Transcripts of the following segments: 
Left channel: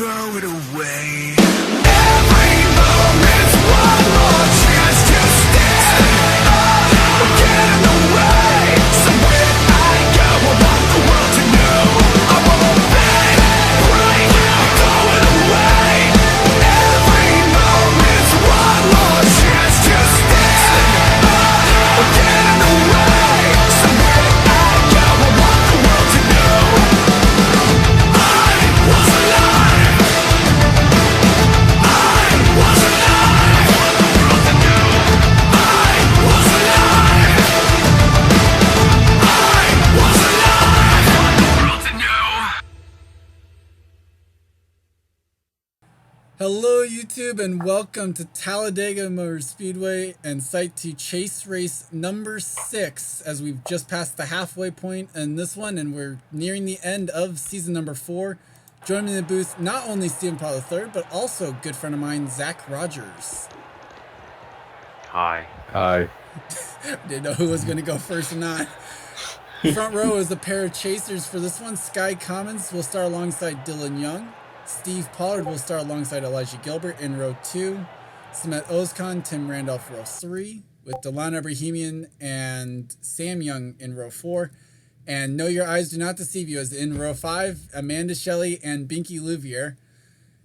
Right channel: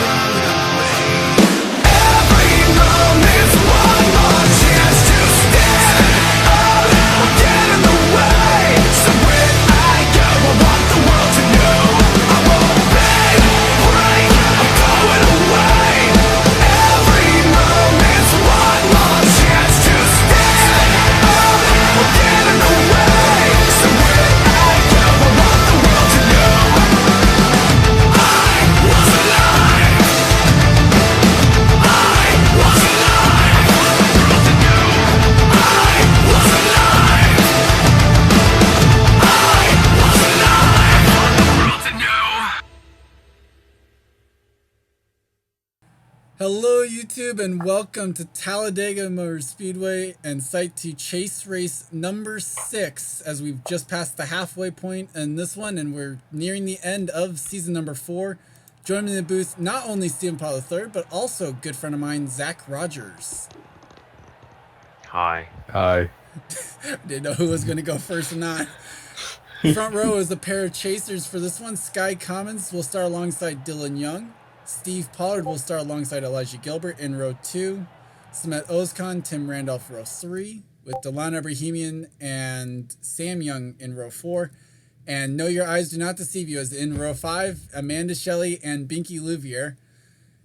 throw it away. Every moment's one more chance to stand up or get in the way. So when I go, I want the world to know I won't bend, break, I'm going away. Every moment's one more chance to stand up or get in the way. So when I go, I want the world to know I was alive. I was alive. I want the world to know I was alive. I was alive. I want the world to know. Hello YouTube and welcome to Talladega Motor Speedway and Site 2 Chase Race number 6 as we've just passed the halfway point in this one and we're nearing the end of season number 4. Joining me in the booth, not only Stephen Paul III, but also a good friend of mine, Zach Rogers. Hi. Hi. Didn't know who was going to go first or not. Front row is a pair of chasers for this one. Sky Commons will start alongside Dylan Young. Steve Pollard will start alongside Elijah Gilbert in row 2. Samet Ozkan, Tim Randolph row 3, with Delana Bohemian and Sam Young in row 4. And Know Your Eyes Do Not Deceive You is in row 5, Amanda Shelley and Binky Louvier.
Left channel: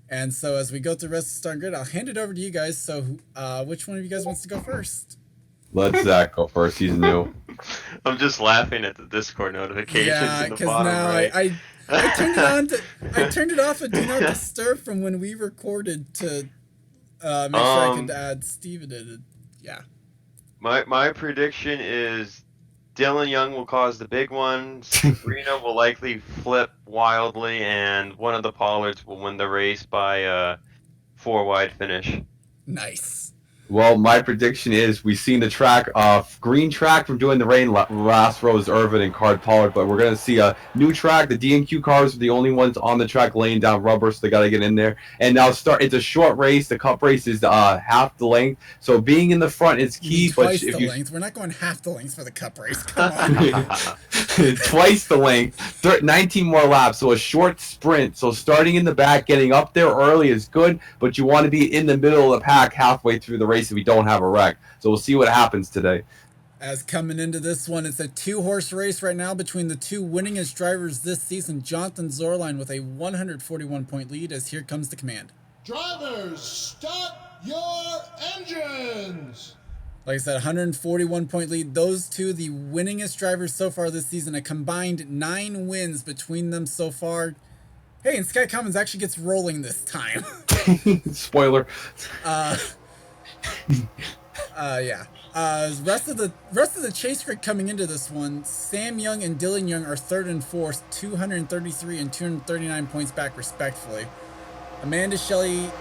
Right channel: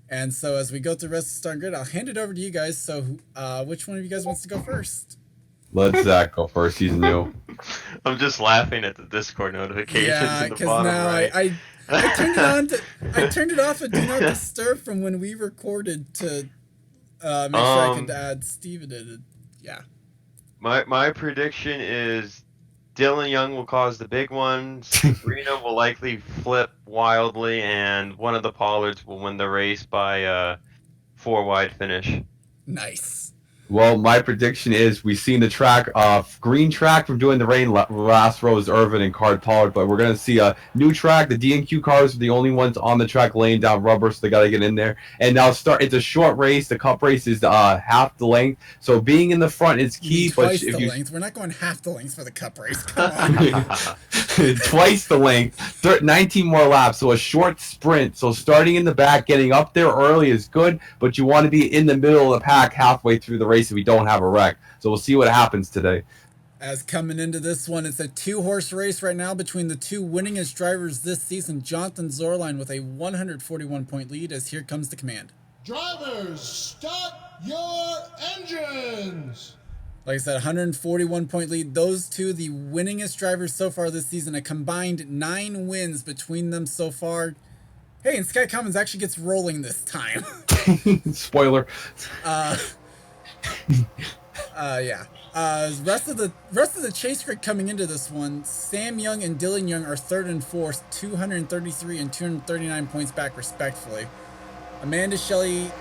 And so as we go through the rest of the starting grid, I'll hand it over to you guys. So which one of you guys wants to go first? Let Zach go first. He's new. I'm just laughing at the Discord notifications. Yeah, because now right. I turned it on to I turned it off at Do Not Disturb from when we recorded to make sure I could add Steven in it. Yeah. My prediction is Dylan Young will cause the big one. Sabrina will likely flip wildly, and one of the Pollards will win the race by 4 wide finish. Nice. Well, my prediction is we've seen the track, green track from doing the rain. Last row is Irvin and Card Pollard, but we're going to see a new track. The D&Q cars are the only ones on the track laying down rubber, so they got to get in there. And now it's a short race. The cup race is half the length, so being in the front is key. Twice the length. We're not going half the length for the cup race. Come on. Twice the length, 19 more laps, so a short sprint. So starting in the back, getting up there early is good, but you want to be in the middle of the pack halfway through the race if we don't have a wreck. So we'll see what happens today. As coming into this one, it's a 2-horse race right now between the two winningest drivers this season. Jonathan Zorline with a 141-point lead as here comes the command. Drivers, start your engines! Like I said, 141-point lead. Those two, the winningest drivers so far this season. A combined 9 wins between them so far. Hey, and Sky Commons actually gets rolling this time. Spoiler. Yeah. Rest of the chase grid coming into this one, Sam Young and Dylan Young are 3rd and 4th, 233 and 239 points back respectively. Amanda Shelley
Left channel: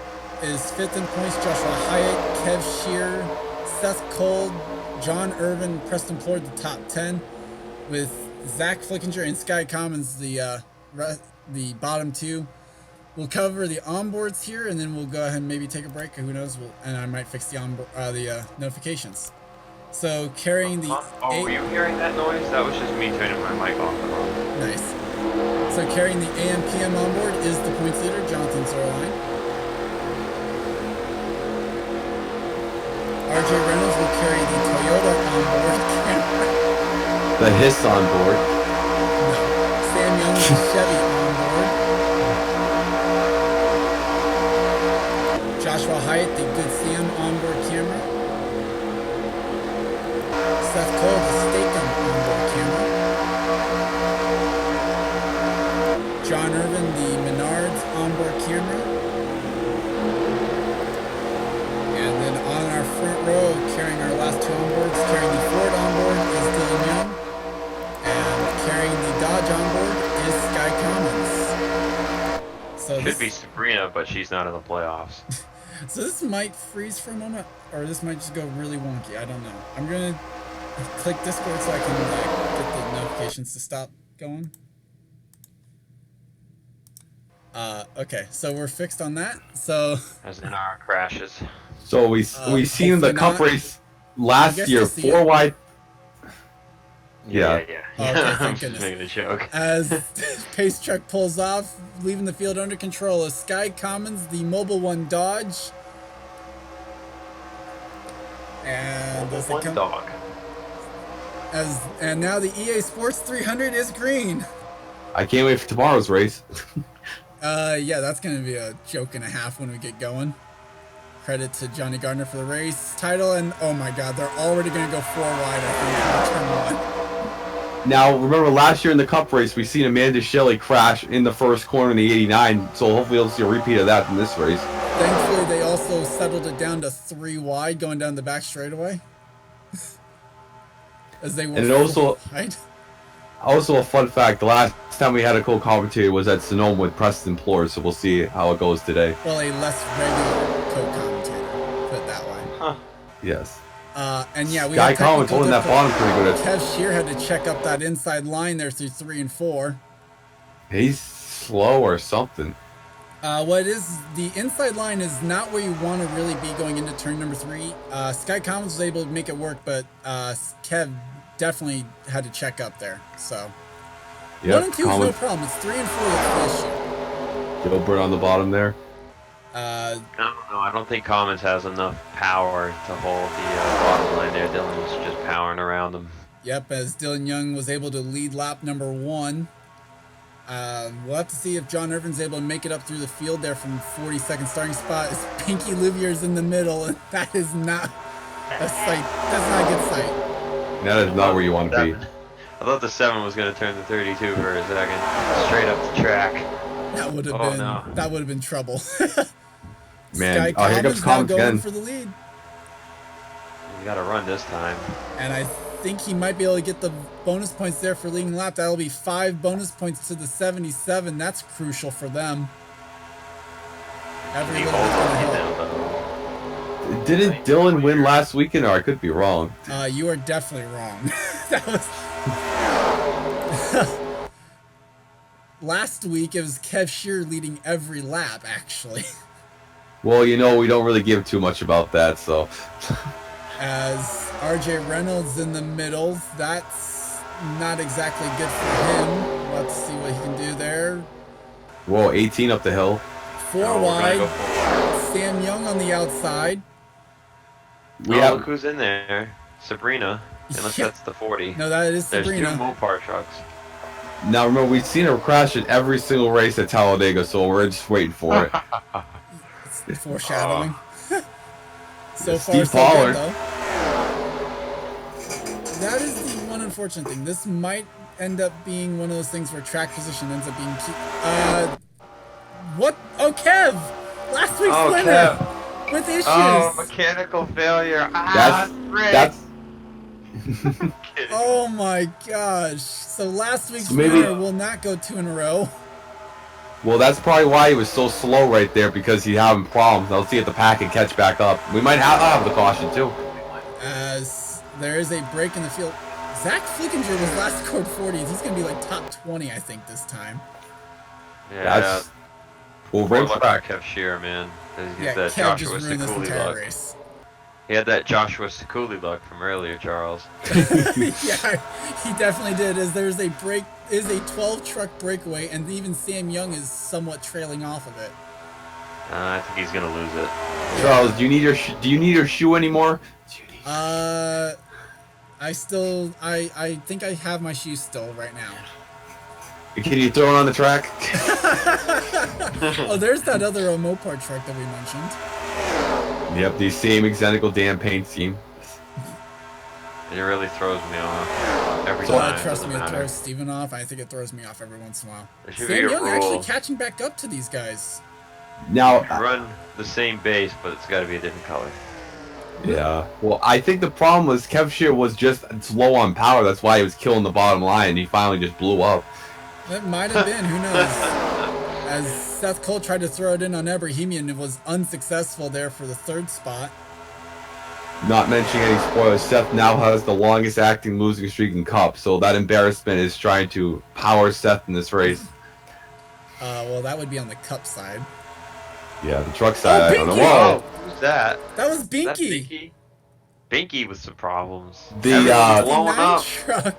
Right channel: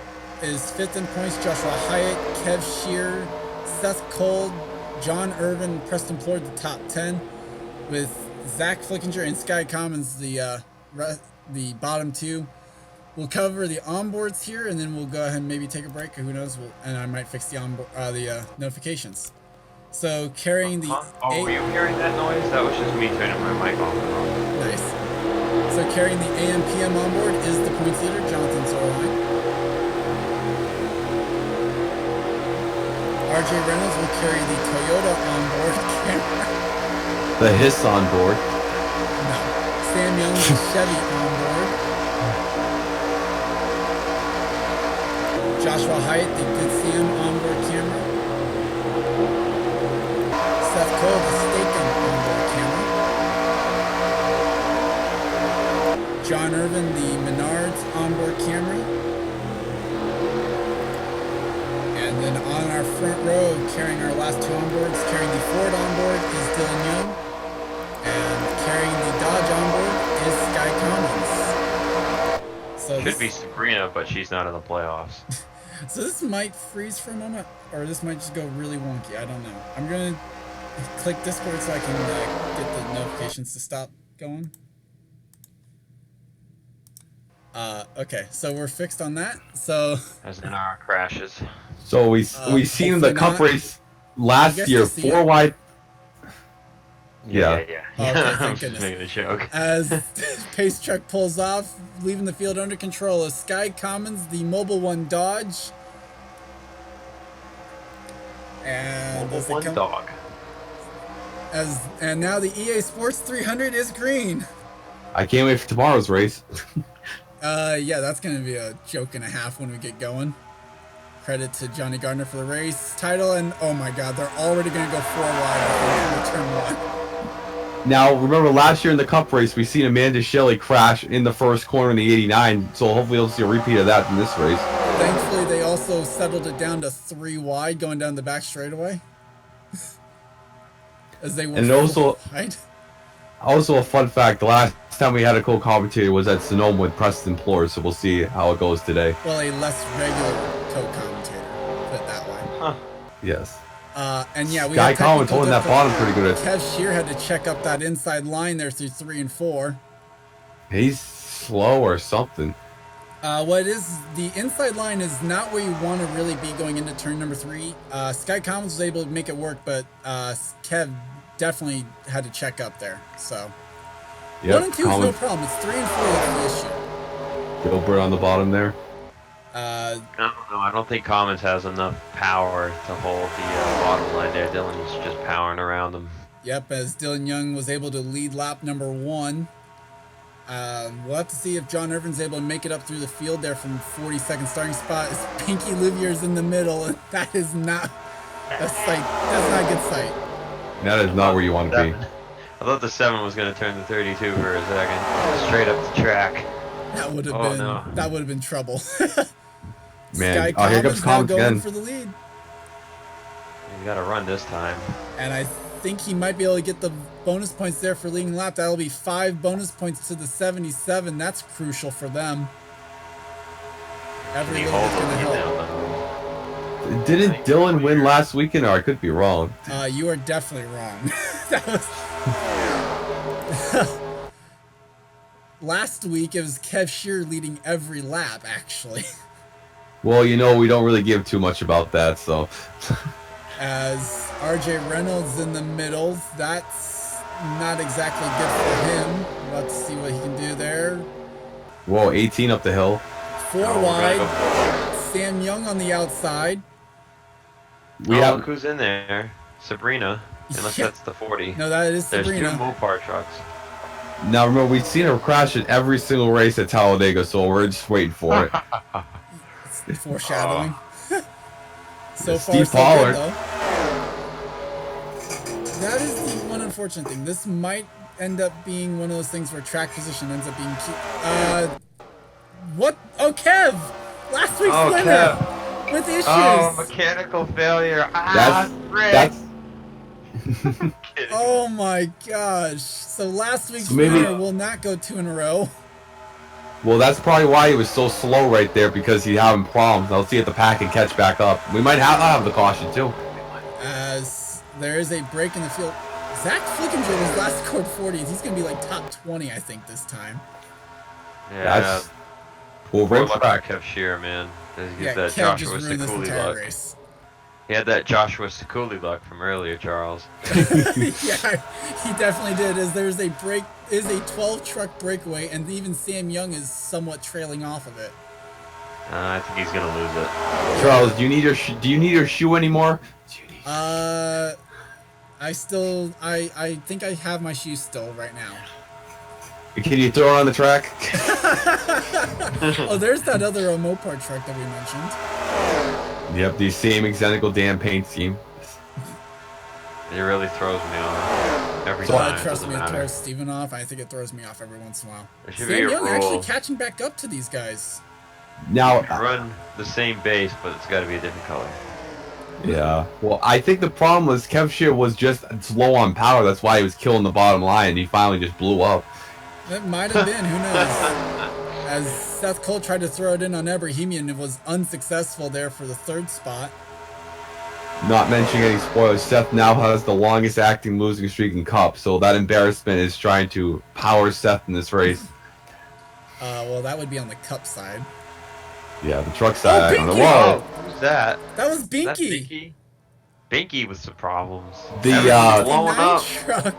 is 5th in points, Joshua Hyatt, Kev Shear, Seth Cole, John Irvin, Preston Plord the top 10, with Zach Flickinger and Sky Commons the bottom 2. We'll cover the onboards here, and then we'll go ahead and maybe take a break. Who knows? And I might fix the notifications. So carrying the. Were you hearing that noise? That was just me turning my mic off and on. Nice. So carrying the AM/PM onboard is the points leader, Jonathan Zorline. RJ Reynolds will carry the Toyota onboard camera. The Hiss onboard. No. Sam Young with the Chevy onboard. Joshua Hyatt, the Good Sam onboard camera. Seth Cole, the Steakum onboard camera. John Irvin, the Menards onboard camera. And then on our front row, carrying our last 2 onboards, carrying the Ford onboard is Dylan Young. And carrying the Dodge onboard is Sky Commons. So Should be Sabrina, but she's not in the playoffs. So this might freeze for a moment, or this might just go really wonky. I don't know. I'm going to click Discord so I can get the notifications to stop going. Okay, so we're fixed on that. So as in our crashes. So we seen the cup race last year, 4 wide. Yeah. Okay, thank I'm just goodness. making a joke. As Pace Truck pulls off, leaving the field under control is Sky Commons, the Mobile One Dodge. And as they One come, dog. and now the EA Sports 300 is green. I can't wait for tomorrow's race. Yeah, that's gonna be a joke and a half when we get going. Credit to Johnny Gardner for the race title, and oh my God, they're already gonna go 4 wide. I think for turn 1. Now, remember last year in the Cup race, we seen Amanda Shelley crash in the first corner in the 89, so hopefully we'll see a repeat of that in this race. Thankfully, they also settled it down to 3 wide, going down the back straightaway. As they were And it also, wide. also a fun fact, the last time we had a co-commentator was at Sonoma with Preston Plore, so we'll see how it goes today. Well, a less regular co-commentator, put it that way. Huh. Yes. And yeah, we Guy had Collins technical holding that difficulty. bottom pretty good. Kev Shear had to check up that inside line there through 3 and 4. He's slow or something. What it is, the inside line is not where you want to really be going into turn number 3. Sky Commons was able to make it work, but Kev definitely had to check up there. So Yep, 1 and 2 is no Collins- problem. It's 3 and 4 that's the issue. Gilbert on the bottom there. I don't know. I don't think Commons has enough power to hold the bottom line there. Dylan's just powering around him. Yep, as Dylan Young was able to lead lap number 1. We'll have to see if John Irvin's able to make it up through the field there from 42nd starting spot. As Pinky Livier's in the middle, and that is not a sight. That's not a good sight. That is not where you want to be. I thought the 7 was going to turn to 32 for a second. Straight up the track. That would have been that would have been trouble. Man, Sky here Commons comes now Commons going again. for the lead, You got to run this time. and I think he might be able to get the bonus points there for leading lap. That'll be 5 bonus points to the 77. That's crucial for them. Every He little bit's holds gonna on help. now, though. Didn't Dylan win last weekend, or I could be wrong? You are definitely wrong. That was last week. It was Kev Shear leading every lap, actually. Well, you know, we don't really give too much about that, so. As RJ Reynolds in the middle, that's not exactly good for him. We'll have to see what he can do there. Whoa, 18 up the hill. 4 Oh, wide. gotta Sam Young on the outside. We Oh, have look who's in there. Sabrina. Unless Yeah. that's the 40. No, that is There's 2 Sabrina. Mopar trucks. now. Remember, we've seen her crash at every single race at Talladega, so we're just waiting for it. It's foreshadowing. So It's far, Steve so Pollard. good, though. That is the one unfortunate thing. This might end up being one of those things where track position ends up being key. What? Oh, Kev! Last week's Oh, winner! Kev. With issues! Oh, mechanical failure. That's Rick. that's Oh my gosh. So last week's So maybe- winner will not go 2 in a row. well, that's probably why he was so slow right there, because he's having problems. I'll see if the pack can catch back up. We might have the caution too. As there is a break in the field. Zach Flickinger was last scored 40s. He's going to be like top 20, I think, this time. Yeah, That's well, poor right luck track. for Kev Shear, man. He's Yeah, that Kev just Joshua ruined this Sekuli entire luck. race. He had that Joshua Sekuli luck from earlier, Charles. Yeah, he definitely did. As there's a break, is a 12 truck breakaway, and even Sam Young is somewhat trailing off of it. I think he's gonna lose it. Charles, do you need your shoe anymore? I think I have my shoes still right now. Can you throw it on the track? Oh, there's that other Mopar truck that we mentioned. Yep, the same identical damn paint scheme. It really throws me off every time. Trust doesn't me, it matter. throws Steven off. I think it throws me off every once in a while. There should be Sam a Young actually rule. catching back up to these guys. Now, Run the same base, but it's got to be a different color. yeah. Well, I think the problem was Kev Shear was just slow on power. That's why he was killing the bottom line, and he finally just blew up. That might have been, who knows? As Seth Cole tried to throw it in on Ebrahimian, it was unsuccessful there for the 3rd spot. Not mentioning any spoilers, Seth now has the longest acting losing streak in Cup, so that embarrassment is trying to power Seth in this race. Well, that would be on the Cup side. Yeah, the truck side. I don't know. Binky! Whoa. Oh, who's that? That was Is that Binky. Binky? Binky with some problems. The Everything's blown 69 up. truck.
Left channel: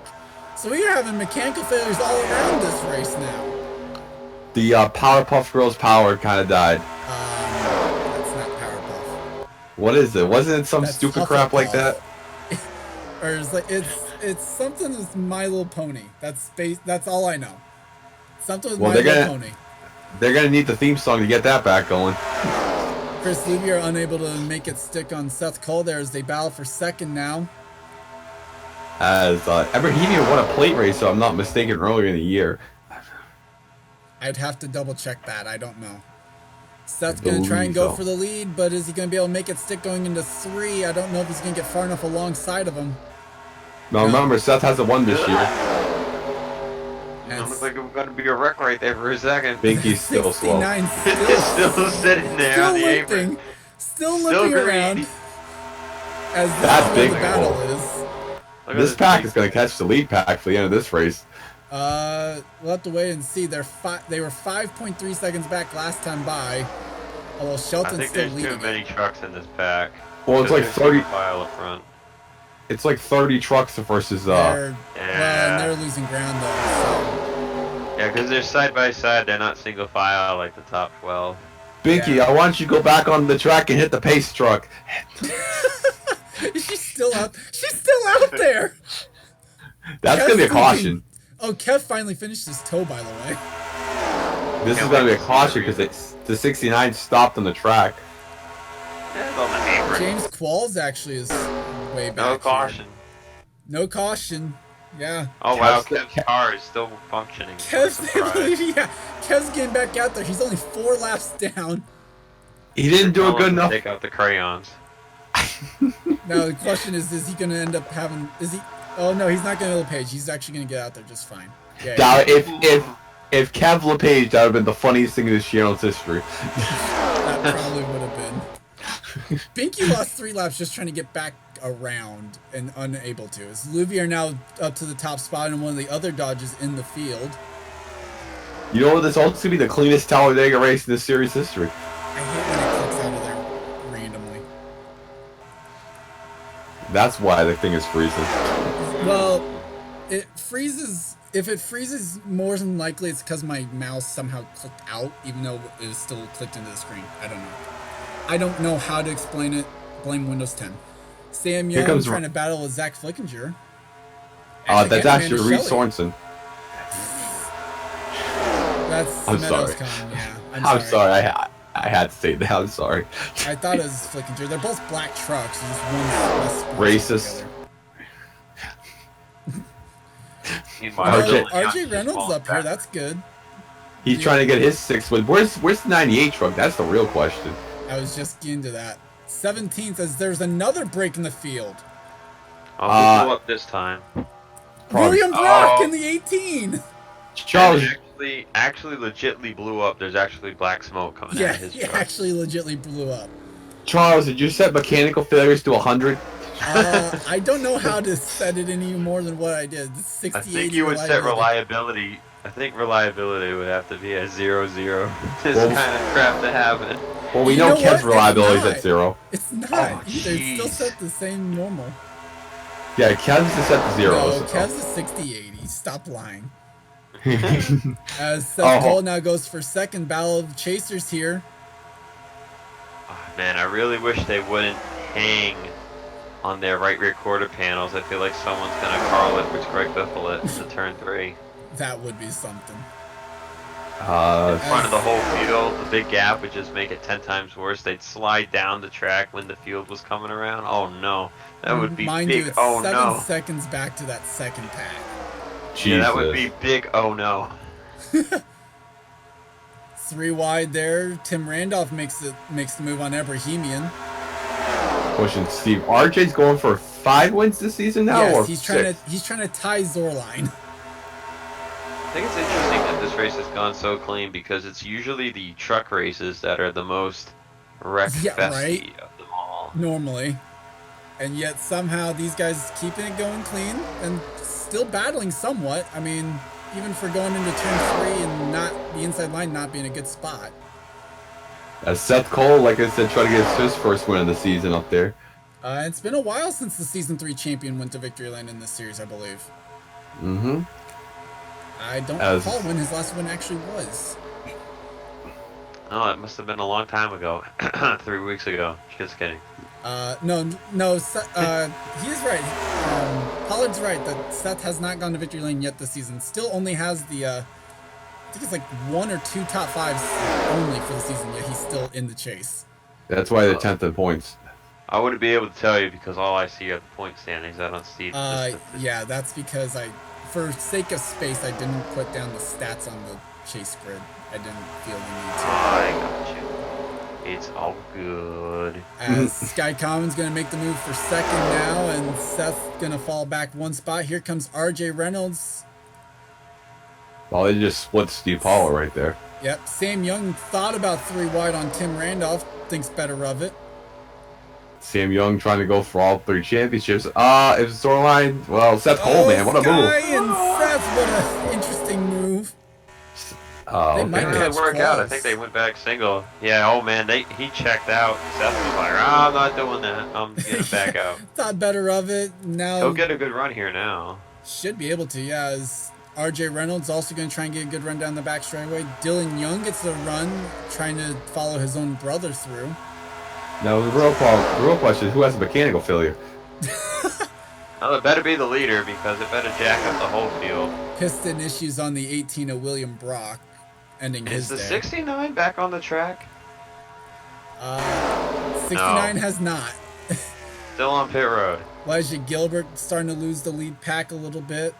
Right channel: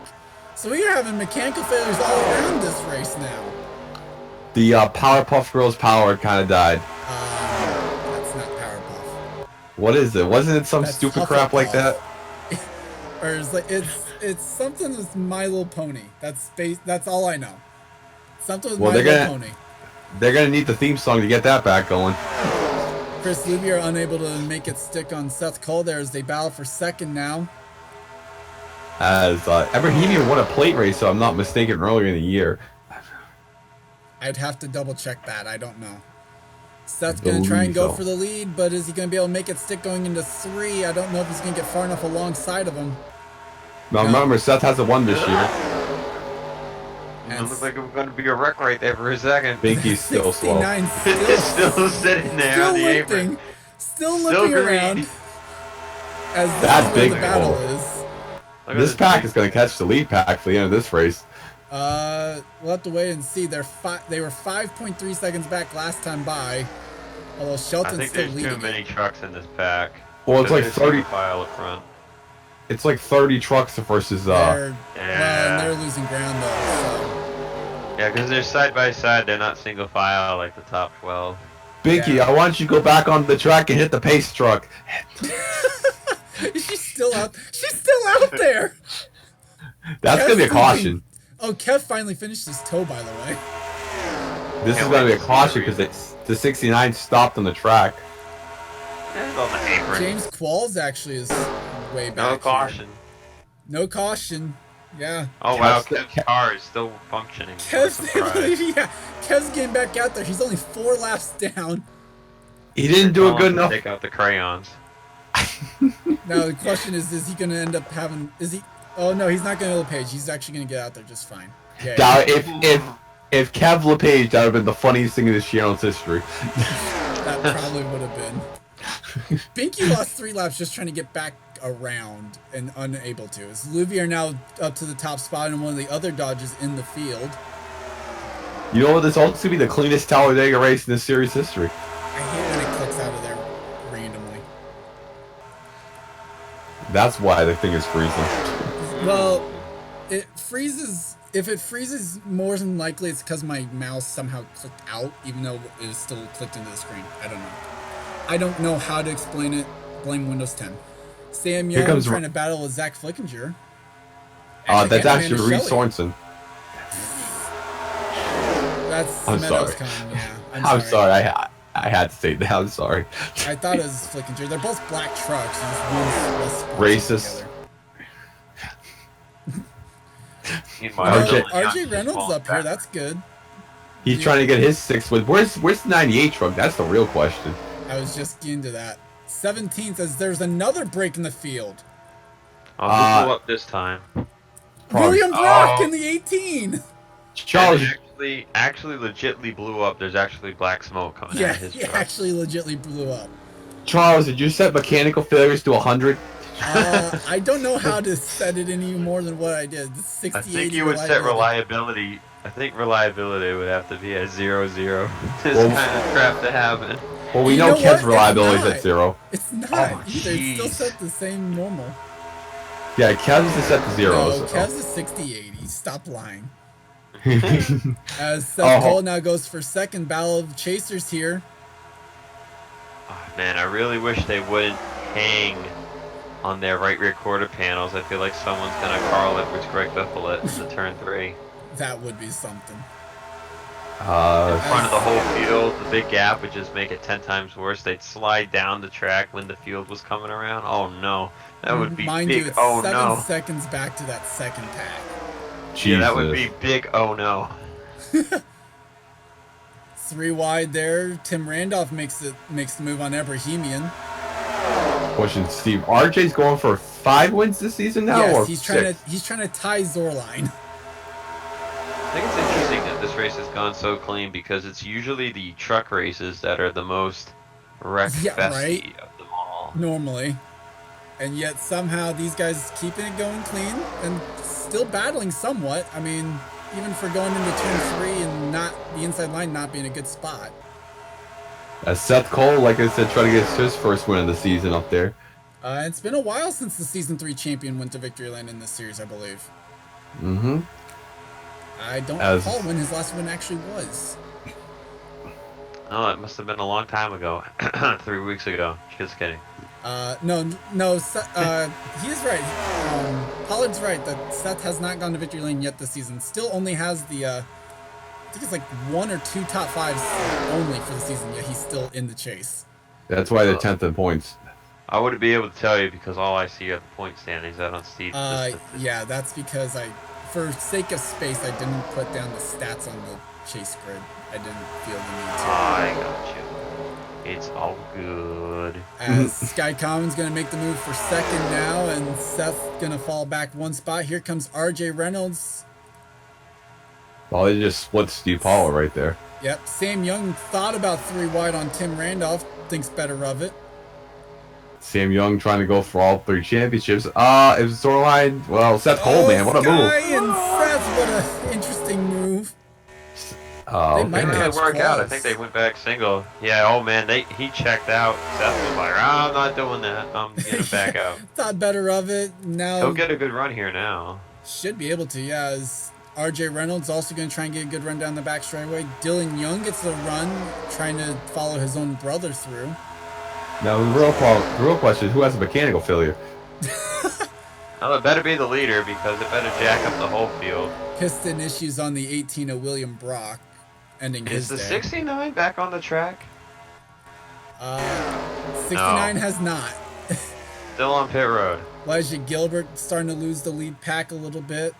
So we are having mechanical failures all around this race now. The Powerpuff Girls power kind of died. That's not Powerpuff. What is it? Wasn't it some That's stupid crap like that? Or it's something with My Little Pony. That's all I know. Something with My Little Pony. They're gonna need the theme song to get that back going. Chris Luby are unable to make it stick on Seth Cole there as they battle for second now. As Ebrahimi won a plate race, so I'm not mistaken, earlier in the year. I'd have to double check that. I don't know. Seth's going to try and go for the lead, but is he going to be able to make it stick going into 3? I don't know if he's going to get far enough alongside of him. Now remember, Seth hasn't won this year. It looks like I'm going to be a wreck right there for a second. Binky's still slow. 69 still sitting there. Still on the limping. apron. Still limping around. As this is where the battle is. This pack is going to catch the lead pack for the end of this race. We'll have to wait and see. They were 5.3 seconds back last time by, although Shelton's still leading. I think there's too many trucks in this pack. Well, it's like 30 file up front. It's like 30 trucks versus Well, and they're losing ground though. So. Yeah, because they're side by side. They're not single file like the top 12. Binky, I want you to go back on the track and hit the pace truck. She's still out. She's still out there. That's gonna be a caution. Oh, Kev finally finished his toe, by the way. This is gonna be a caution because the 69 stopped on the track. James Qualls actually is way back. No caution. Here. No caution. Yeah. Oh wow, Kev's car is still functioning. Kev's getting back out there. He's only 4 laps down. He didn't do a good enough. Take out the crayons. Now the question is he going to end up having? Oh no, he's not going to LePage. He's actually going to get out there just fine. Yeah. Now, if Kev LePage, that would have been the funniest thing in this channel's history. That probably would have been. Binky lost 3 laps just trying to get back around and unable to. As Luby are now up to the top spot and one of the other Dodges in the field. You know what? This also to be the cleanest Talladega race in this series history. I hate when it clicks out of there randomly. That's why the thing is freezing. Well, it freezes. If it freezes, more than likely it's because my mouse somehow clicked out, even though it was still clicked into the screen. I don't know. I don't know how to explain it. Blame Windows 10. Sam Young trying to battle with Zach Flickinger. That's actually Reese Sorensen. That's I'm Meadows sorry. Yeah, I'm sorry. I had to say that. I'm sorry. I thought it was Flickinger. They're both black trucks. Just one's less racist. RJ Reynolds up here. That's good. He's trying to get his 6th win. Where's the 98 truck? That's the real question. I was just getting to that. 17th as there's another break in the field. I'll go up this time. William Brock in the 18. Charles actually legitly blew up. There's actually black smoke coming out of his truck. Actually legitly blew up. Charles, did you set mechanical failures to 100? I don't know how to set it any more than what I did. 60, I think you would set reliability. I think reliability would have to be at 0, 0. This kind of crap to happen. Well, we know Kev's reliability is at 0. It's not either. It's still set the same normal. Yeah, Kev's is set to 0. No, Kev's is 60-80. Stop lying. As Seth Cole now goes for second. Battle of Chasers here. Oh, man, I really wish they wouldn't hang on their right rear quarter panels. I feel like someone's gonna Carl Edwards Greg Biffle it into turn 3. That would be something. In front of the whole field, the big gap would just make it 10 times worse. They'd slide down the track when the field was coming around. Oh no, that would be Mind big. you, it's oh 7 no. seconds back to that second pack. Yeah, that would be big. Oh no. 3 wide there. Tim Randolph makes the move on Ebrahimian. Question, Steve. RJ's going for 5 wins this season now. Yes, or he's 6? trying to tie Zorline. I think it's interesting that this race has gone so clean because it's usually the truck races that are the most wreck-festy of them all. Normally. And yet somehow these guys keeping it going clean and still battling somewhat. I mean, even for going into turn 3 and not the inside line not being a good spot. As Seth Cole, like I said, trying to get his first win of the season up there. It's been a while since the Season 3 champion went to victory lane in this series, I believe. Mm-hmm. I don't As- recall when his last win actually was. Oh, it must have been a long time ago. 3 weeks ago. Just kidding. No, he is right. Pollard's right that Seth has not gone to victory lane yet this season. Still only has the, I think it's like 1 or 2 top 5s only for the season, yet he's still in the chase. That's why they're 10th in points. I wouldn't be able to tell you because all I see are the point standings. I don't see. Yeah, that's because for sake of space, I didn't put down the stats on the chase grid. I didn't feel the need to. I got you. It's all good. As Sky Common's going to make the move for second now, and Seth's going to fall back 1 spot. Here comes RJ Reynolds. Well, they just split Steve Pollard right there. Yep, Sam Young thought about 3 wide on Tim Randolph. Thinks better of it. Sam Young trying to go for all 3 championships. If it's storyline, well, Seth Cole, man, what a Sky move. and Seth, what an interesting move. Oh, They might It catch didn't work out. I claws. think they went back single. Yeah. Oh man, he checked out. Seth was like, I'm not doing that. I'm getting back out. Thought better of it. Now He'll get a good run here now. should be able to, yeah. As RJ Reynolds also going to try and get a good run down the back straightaway. Dylan Young gets the run, trying to follow his own brother through. Now, the real question is who has a mechanical failure? Well, it better be the leader because it better jack up the whole field. Piston issues on the 18 of William Brock, ending Is his the day. 69 back on the track? 69 has not. Still on pit road. Elijah Gilbert starting to lose the lead pack a little bit.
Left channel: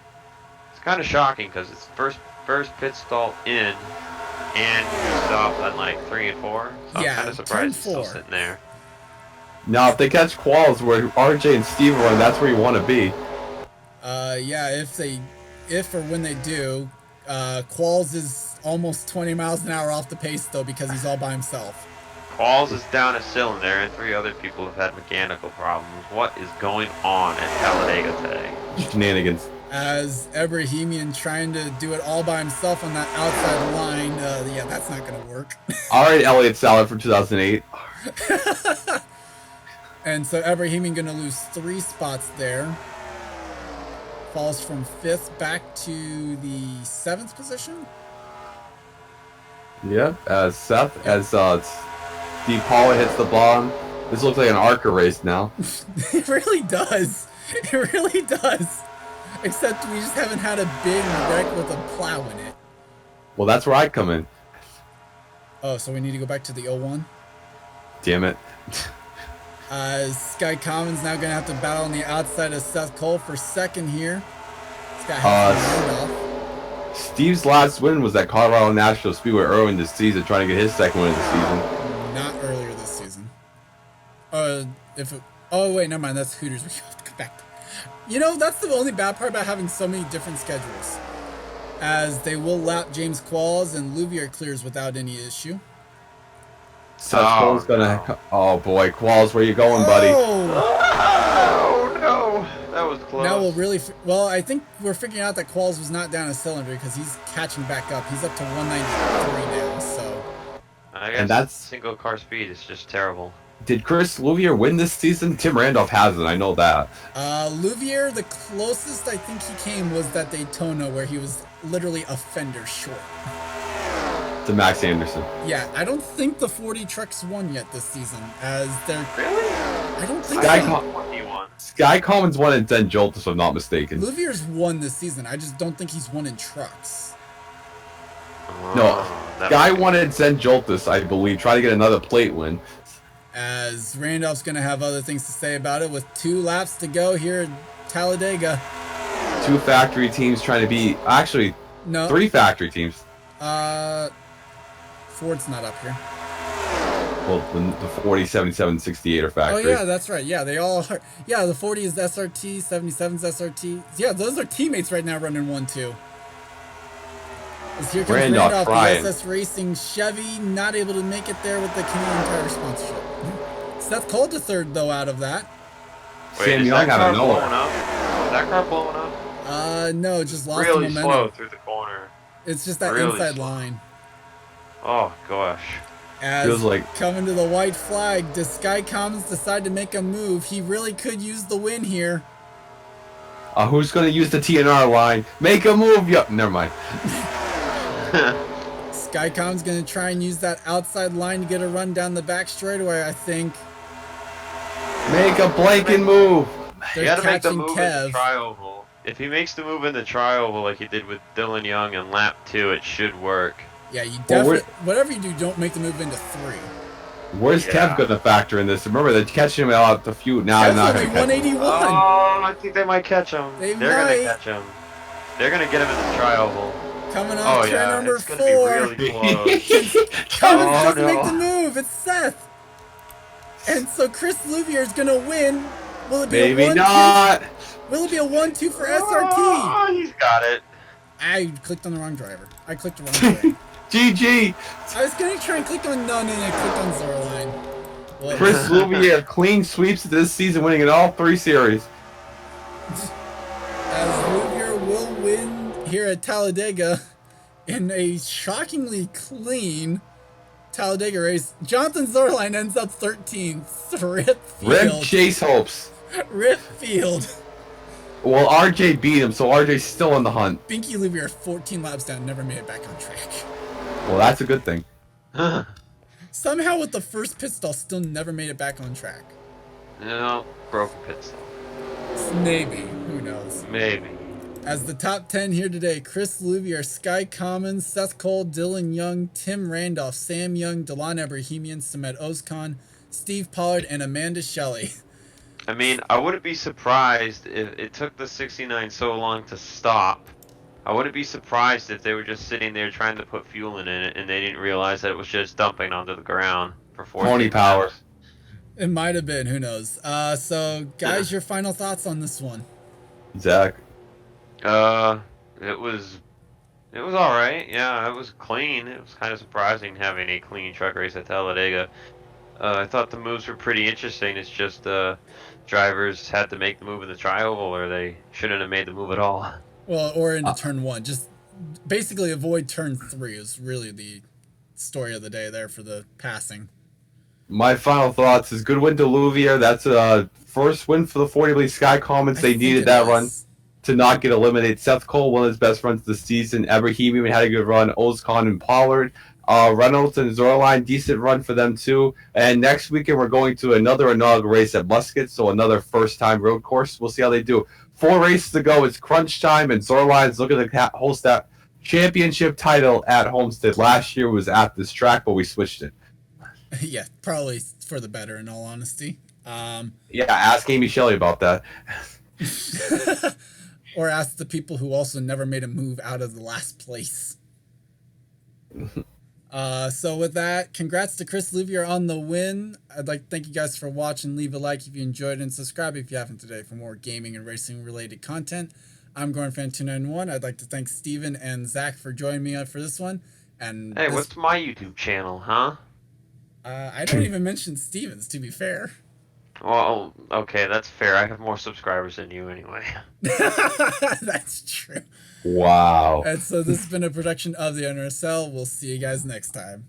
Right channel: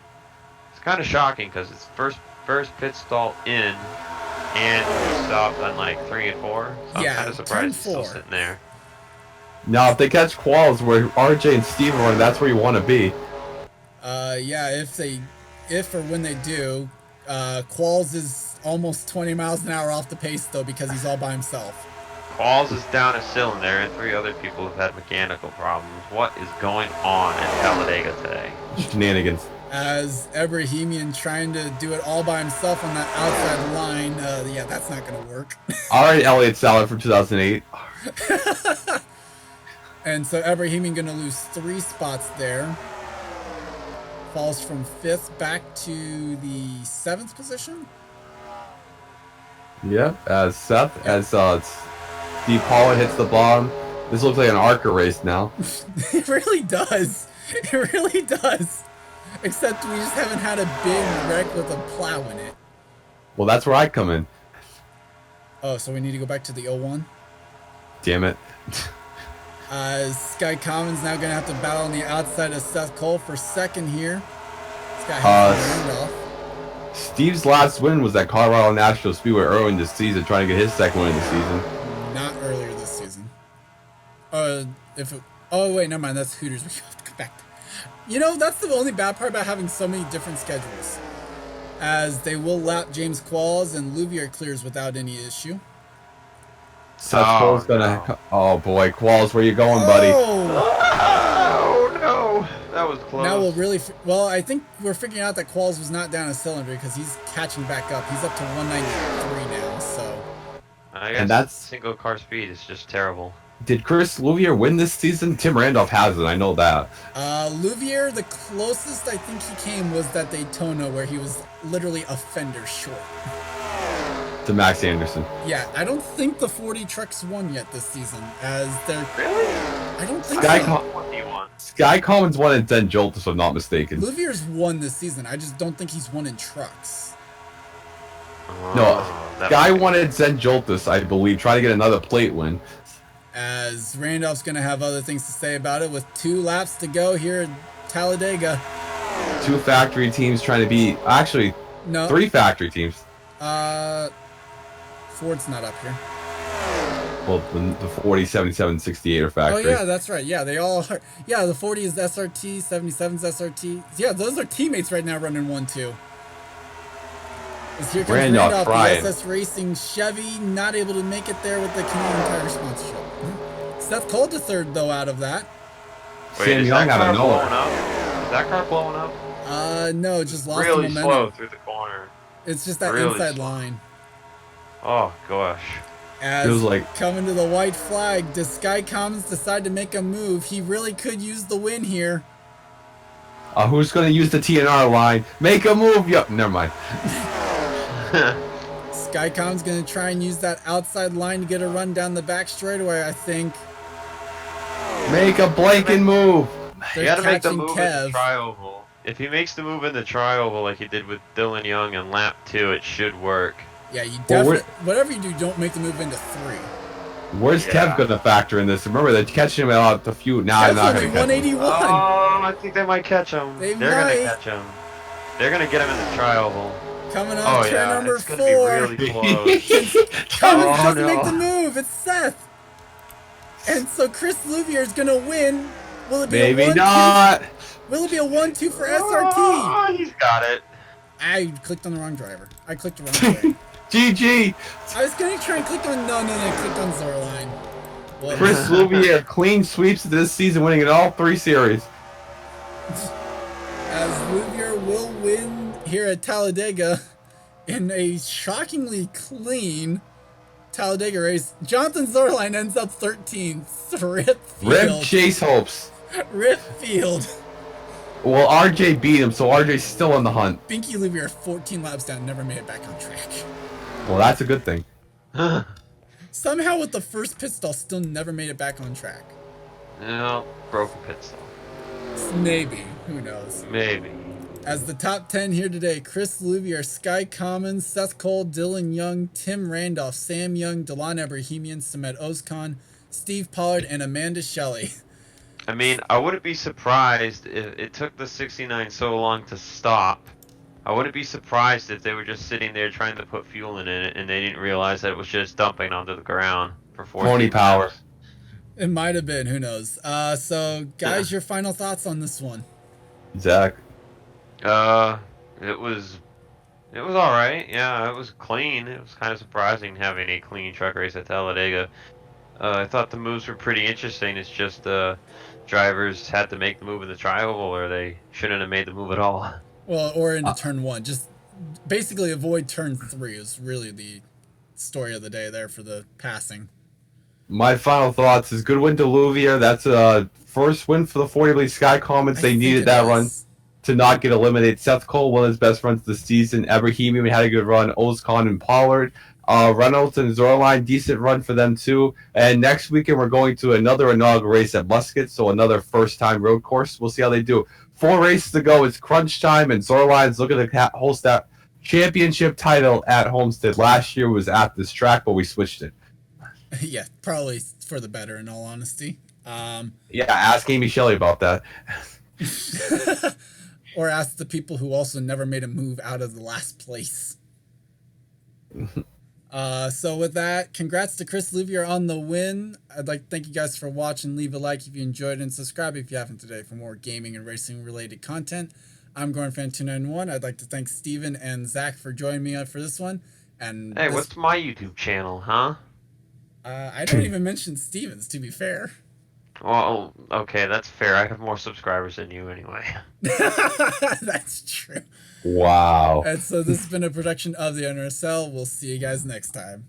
It's kind of shocking because it's first pit stall in, and we stopped on like 3 and 4. So Yeah, I'm kind of turn surprised he's still 4. sitting there. Now, if they catch quals where RJ and Steve are running, that's where you want to be. Yeah, if or when they do, Qualls is almost 20 miles an hour off the pace though because he's all by himself. Qualls is down a cylinder, and 3 other people have had mechanical problems. What is going on at Talladega today? Shenanigans. As Ebrahimian trying to do it all by himself on that outside line, yeah, that's not gonna work. All right, Elliott Salad for 2008. And so Ebrahimian gonna lose 3 spots there. Falls from 5th back to the 7th position. Yeah, as Seth, as Steve Pollard hits the bottom. This looks like an ARCA race now. It really does. It really does. Except we just haven't had a big wreck with a plow in it. Well, that's where I come in. Oh, so we need to go back to the 01? Damn it. Sky Common's now going to have to battle on the outside of Seth Cole for second here. He's got help from Randolph. Steve's last win was at Colorado National Speedway early in the season, trying to get his second win of the season. Not earlier this season. Oh, wait, never mind. That's Hooters. We have to go back. You know, that's the only bad part about having so many different schedules. As they will lap James Qualls and Louvier clears without any issue. Seth Cole's gonna. no. Oh boy, Qualls, where you going, buddy? Oh! Oh no, that was close. Now we'll really. Well, I think we're figuring out that Qualls was not down a cylinder because he's catching back up. He's up to 193 now, so. I guess And that's- single car speed is just terrible. Did Chris Louvier win this season? Tim Randolph hasn't, I know that. Louvier, the closest I think he came was that Daytona where he was literally a fender short. To Max Anderson. Yeah, I don't think the 40 trucks won yet this season, as they're. Really? I don't think Sky so. Com- What do you want? Sky Commons won and then Jolt, if I'm not mistaken. Louvier's won this season. I just don't think he's won in trucks. No, that Guy might be- wanted Zen Joltis, I believe, try to get another plate win. As Randolph's going to have other things to say about it with 2 laps to go here at Talladega. 2 factory teams trying to be, actually, No. 3 factory teams. Ford's not up here. Well, the 40, 77, 68 are Oh, factory. yeah, that's right. Yeah, they all are. Yeah, the 40 is SRT, 77's SRT. Yeah, those are teammates right now running 1-2. As here comes Randolph Randolph, trying. the SS Racing Chevy, not able to make it there with the Canadian Tire sponsorship. Seth Cole to third, though, out of that. Wait, Sam is Young that out car of blowing nowhere. up? Is that car blowing up? No, just lost the Really momentum. slow through the corner. It's just that Really inside slow. line. Oh gosh. As Feels like- coming to the white flag, does Sky Commons decide to make a move? He really could use the win here. Who's going to use the TNR line? Make a move. Yup, never mind. Skycom's going to try and use that outside line to get a run down the back straightaway, I think. Make a blanket move. They're You gotta make the catching move in Kev. the tri-oval. If he makes the move in the tri-oval like he did with Dylan Young in lap 2, it should work. Yeah, you Well, definitely, whatever you do, don't make the move into 3. Where's Yeah. Kev going to factor in this? Remember, they're catching him out the few. Now Kev's not only gonna catch him. 181. Oh, I think they might catch him. They They're might. gonna catch him. They're gonna get him in the tri-oval. Coming Oh off turn yeah, number it's 4. gonna be really close. Cummins Oh, doesn't no. make the move. It's Seth. And so Chris Louvier is going to win. Will it be Maybe a 1-2? not. Will it be a 1-2 for SRT? Oh, he's got it. I clicked on the wrong driver. I clicked the wrong thing. GG. I was going to try and click on no, I clicked on Zorline. Well, Chris Louvier clean sweeps this season, winning in all 3 series. as Louvier will win here at Talladega in a shockingly clean Talladega race. Jonathan Zorline ends up 13th. Rip Rip Field. Chase hopes. Rip Field. Well, RJ beat him, so RJ's still in the hunt. Binky Louvier 14 laps down, never made it back on track. Well, that's a good thing. Somehow with the first pit stall, still never made it back on track. No, broken pit stall. Maybe. Who knows? Maybe. As the top 10 here today, Chris Louvier, Sky Commons, Seth Cole, Dylan Young, Tim Randolph, Sam Young, Delon Ebrahimian, Samet Ozkan, Steve Pollard, and Amanda Shelley. I mean, I wouldn't be surprised if it took the 69 so long to stop. I wouldn't be surprised if they were just sitting there trying to put fuel in it and they didn't realize that it was just dumping onto the ground for 14 Pony power. hours. It might have been, who knows. So, guys, your final thoughts on this one? Zach. It was all right. Yeah, it was clean. It was kind of surprising having a clean truck race at Talladega. I thought the moves were pretty interesting. It's just drivers had to make the move in the tri-oval, or they shouldn't have made the move at all. Well, or into turn 1. Just basically avoid turn 3 is really the story of the day there for the passing. My final thoughts is good win to Louvier. That's a first win for the 40 League Sky Commons. I They think needed it that is. run to not get eliminated. Seth Cole, one of his best runs this season. Ebrahimian had a good run. Ozkan and Pollard. Reynolds and Zorline, decent run for them too. And next weekend we're going to another inaugural race at Muscat, so another first-time road course. We'll see how they do. 4 races to go. It's crunch time, and Zorline's looking to host that championship title at Homestead. Last year was at this track, but we switched it. Yeah, probably for the better, in all honesty. Yeah, ask Amy Shelley about that. Or ask the people who also never made a move out of the last place. So with that, congrats to Chris Louvier on the win. I'd like to thank you guys for watching. Leave a like if you enjoyed it, and subscribe if you haven't today for more gaming and racing related content. I'm GornFan291. I'd like to thank Steven and Zach for joining me for this one. And Hey, this- what's my YouTube channel, huh? I don't even mention Steven's, to be fair. Well, okay, that's fair. I have more subscribers than you anyway. That's true. Wow. And so this has been a production of the NRSL. We'll see you guys next time.